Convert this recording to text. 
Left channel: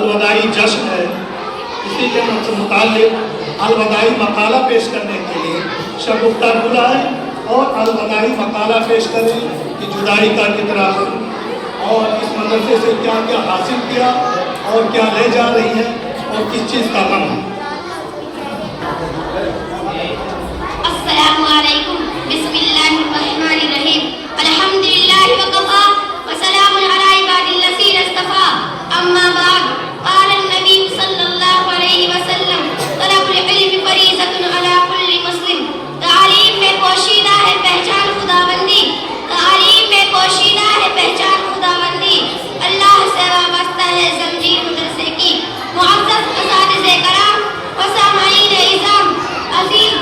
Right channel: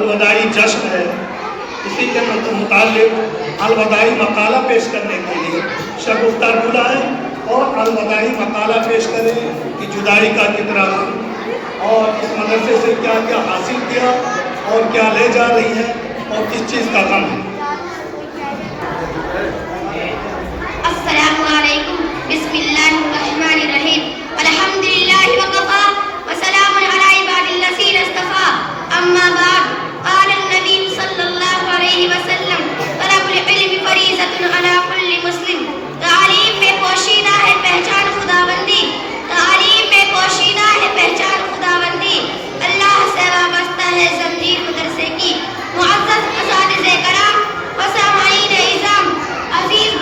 الوداعی جشن ہے، اسی کے متعلق الوداعی مقالہ پیش کرنے کے لیے شگفتہ بلائیں اور الوداعی مقالہ پیش کریں کہ جدائی کا کتنا اور اس مدرسے سے کیا کیا حاصل کیا اور کیا لے جا رہی ہیں اور کس چیز کا غم ہے۔ السلام علیکم، بسم اللہ الرحمن الرحیم، الحمدللہ وقفا وسلام علی عباد الذین اصطفیٰ، اما بعد، قال النبی صلی اللہ علیہ وسلم، طلب العلم فریضۃ علی کل مسلم۔ تعلیم میں پوشیدہ ہے پہچان خداوندی، تعلیم میں پوشیدہ ہے پہچان خداوندی، اللہ سے وابستہ ہے زنجیر مدرسے کی۔ معزز اساتذہ کرام و سامعین اعظام، عزیز